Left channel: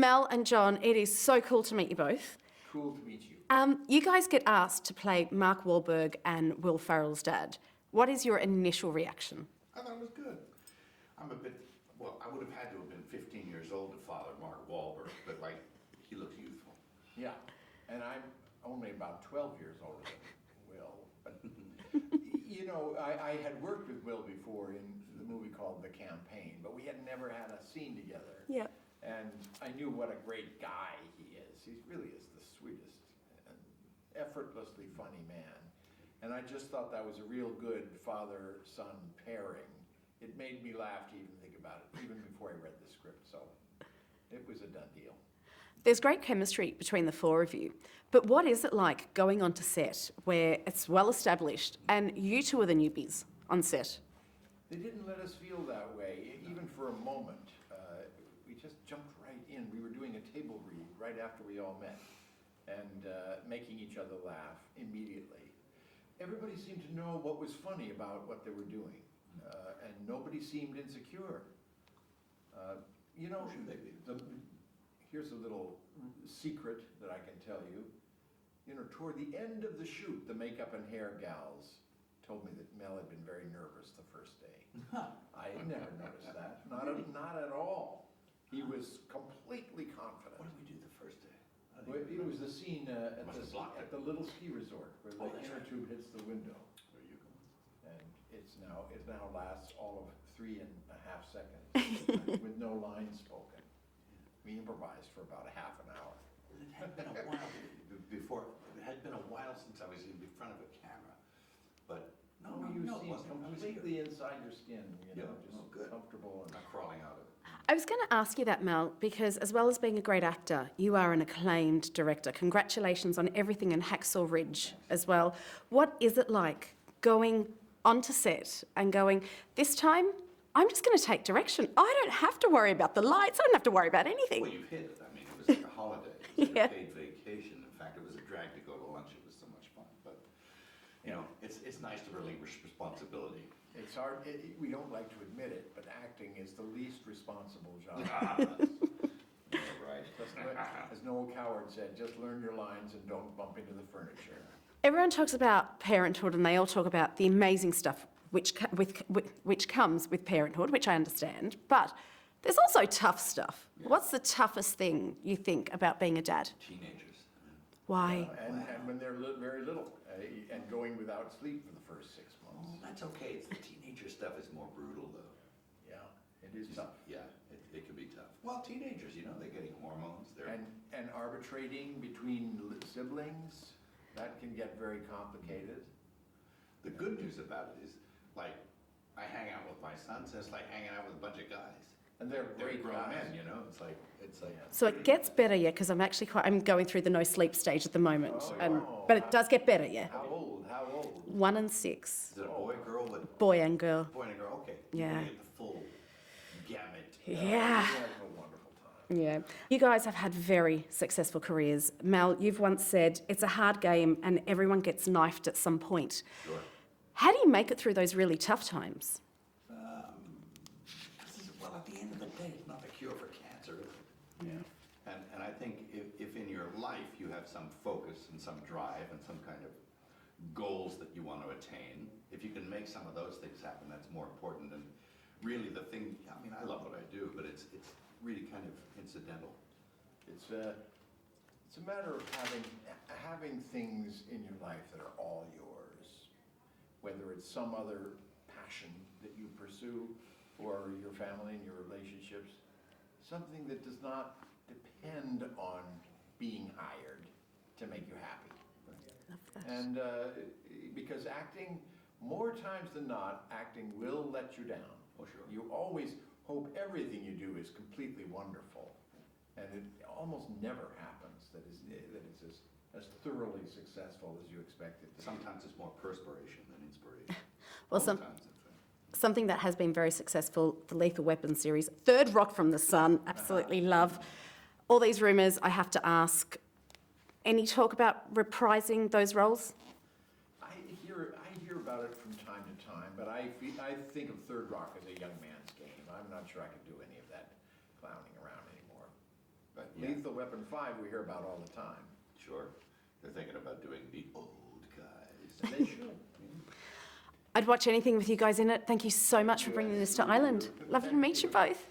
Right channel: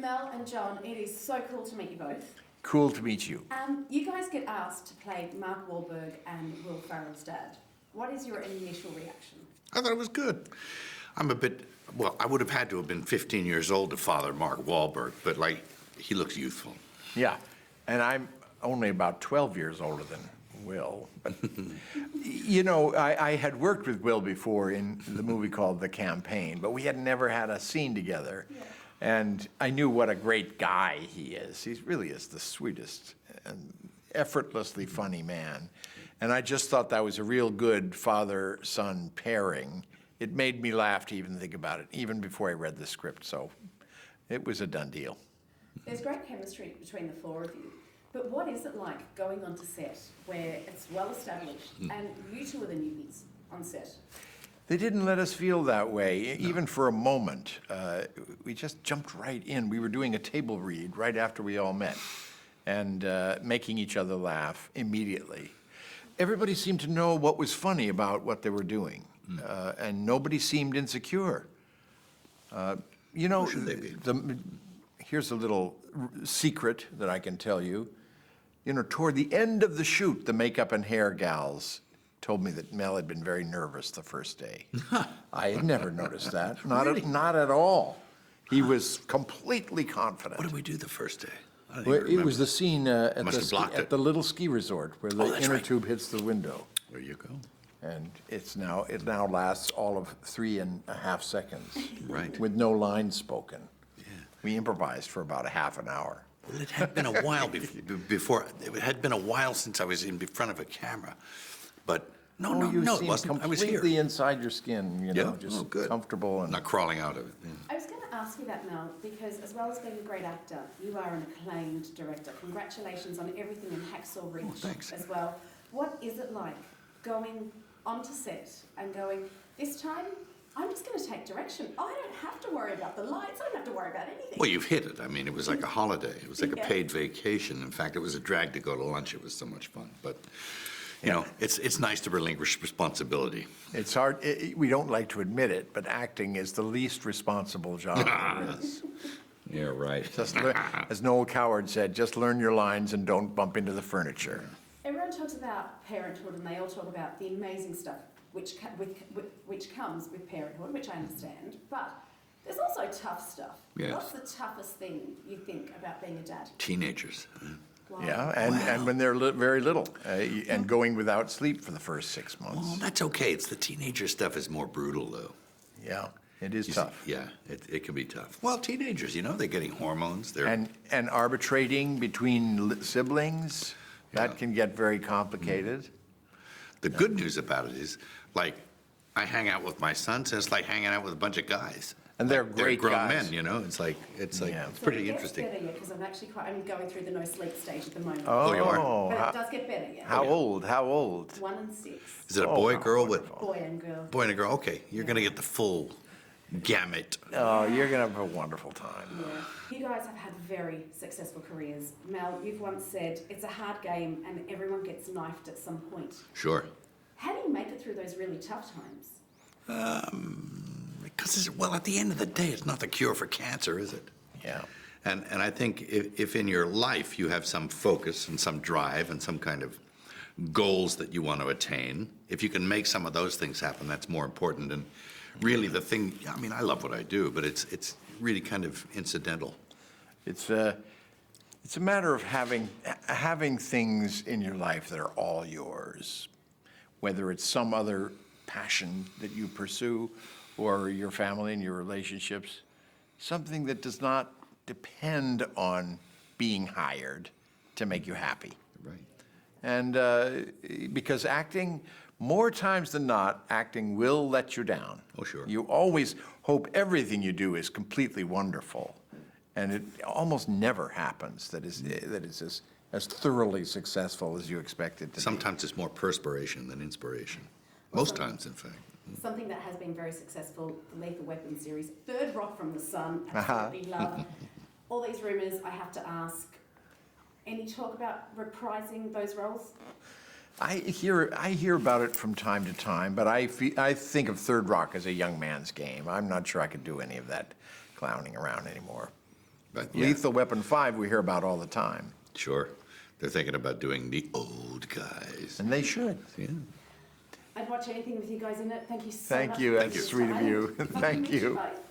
Mel and John, it is so cool to meet you both. Cool to meet you. You guys get asked to play Mark Wahlberg and Will Ferrell's dad. What is your initial reaction? I thought it was good. I'm a bit, well, I would have had to have been 15 years old to father Mark Wahlberg, but, like, he looks youthful. Yeah, and I'm only about 12 years older than Will. But, you know, I had worked with Will before in the movie called The Campaign, but we had never had a scene together. Yeah. And I knew what a great guy he is. He really is the sweetest and effortlessly funny man. And I just thought that was a real good father-son pairing. It made me laugh to even think about it, even before I read the script, so it was a done deal. There's great chemistry between the four of you. But what is it like going onto set where it's well established and you two are the newbies on set? They didn't let us feel that way, even for a moment. We just jumped right in. We were doing a table read right after we all met and making each other laugh immediately. Everybody seemed to know what was funny about what they were doing, and nobody seemed insecure. You know, here's a little secret that I can tell you. You know, toward the end of the shoot, the makeup and hair gals told me that Mel had been very nervous the first day. I had never noticed that. Not at all. He was completely confident. What did we do the first day? Well, it was the scene at At the little ski resort where the inner tube hits the window. There you go. And it now lasts all of 3.5 seconds. Right. With no lines spoken. Yeah. We improvised for about a half an hour. Well, it had been a while before. It had been a while since I was in front of a camera, but no, it wasn't. I was here. Completely inside your skin, you know, Yeah? just good. comfortable and Not crawling out of it. Yeah. I was going to ask you that, Mel, because as well as being a great actor, you are an acclaimed director. Congratulations on everything in Hacksaw Ridge as well. What is it like going onto set and going, this time, I'm just going to take direction. I don't have to worry about the lights. I don't have to worry about anything. Well, you've hit it. I mean, it was like a holiday. It was like a paid vacation. In fact, it was a drag to go to lunch. It was so much fun. But, you know, it's nice to relinquish responsibility. it's hard. We don't like to admit it, but acting is the least responsible job. Yeah, right. Just as Noel Coward said, just learn your lines and don't bump into the furniture. Everyone talks about parenthood and they all talk about the amazing stuff which comes with parenthood, which I understand, but there's also tough stuff. Yes. What's the toughest thing you think about being a dad? Teenagers. Why? Yeah, and when they're very little, and going without sleep for the first 6 months. Well, that's okay. It's the teenager stuff is more brutal, though. Yeah, it is You tough. see, yeah, it can be tough. Well, teenagers, you know, they're getting hormones. They're And arbitrating between siblings, that can get very complicated. The good news about it is, like, I hang out with my sons, and it's like hanging out with a bunch of guys. And they're Like, great grown guys. men, you know. It's like Yeah. So pretty it gets interesting. better, yeah, because I'm going through the no sleep stage at the moment. Oh, you are? But it does get better, yeah. How old? How old? 1 and 6, Is it a boy, girl, boy and girl. boy and a girl? Okay, you're gonna Yeah. get the full gamut. Oh, Yeah. you're gonna have a wonderful time. Yeah. You guys have had very successful careers. Mel, you've once said it's a hard game and everyone gets knifed at some point. Sure. How do you make it through those really tough times? Because, well, at the end of the day, it's not the cure for cancer, is it? Yeah. And I think if in your life you have some focus and some drive and some kind of goals that you want to attain, if you can make some of those things happen, that's more important. And really the thing, I mean, I love what I do, but it's really kind of incidental. It's a matter of having things in your life that are all yours, whether it's some other passion that you pursue or your family and your relationships, something that does not depend on being hired to make you happy. Right. And because acting, more times than not, acting will let you down. Oh, sure. You always hope everything you do is completely wonderful. And it almost never happens that is as thoroughly successful as you expect it to Sometimes it's more perspiration than inspiration. Well, Most times, in fact. Something that has been very successful, the Lethal Weapon series, Third Rock from the Sun, absolutely love. All these rumours, I have to ask, any talk about reprising those roles? I hear about it from time to time, but I think of Third Rock as a young man's game. I'm not sure I could do any of that clowning around anymore. But yeah, Lethal Weapon 5 we hear about all the time, sure. They're thinking about doing the old guys. and they should. Yeah. I'd watch anything with you guys in it. Thank you so Thank much you. for bringing That's this sweet to of Ireland. you. Lovely to Thank meet you you. both.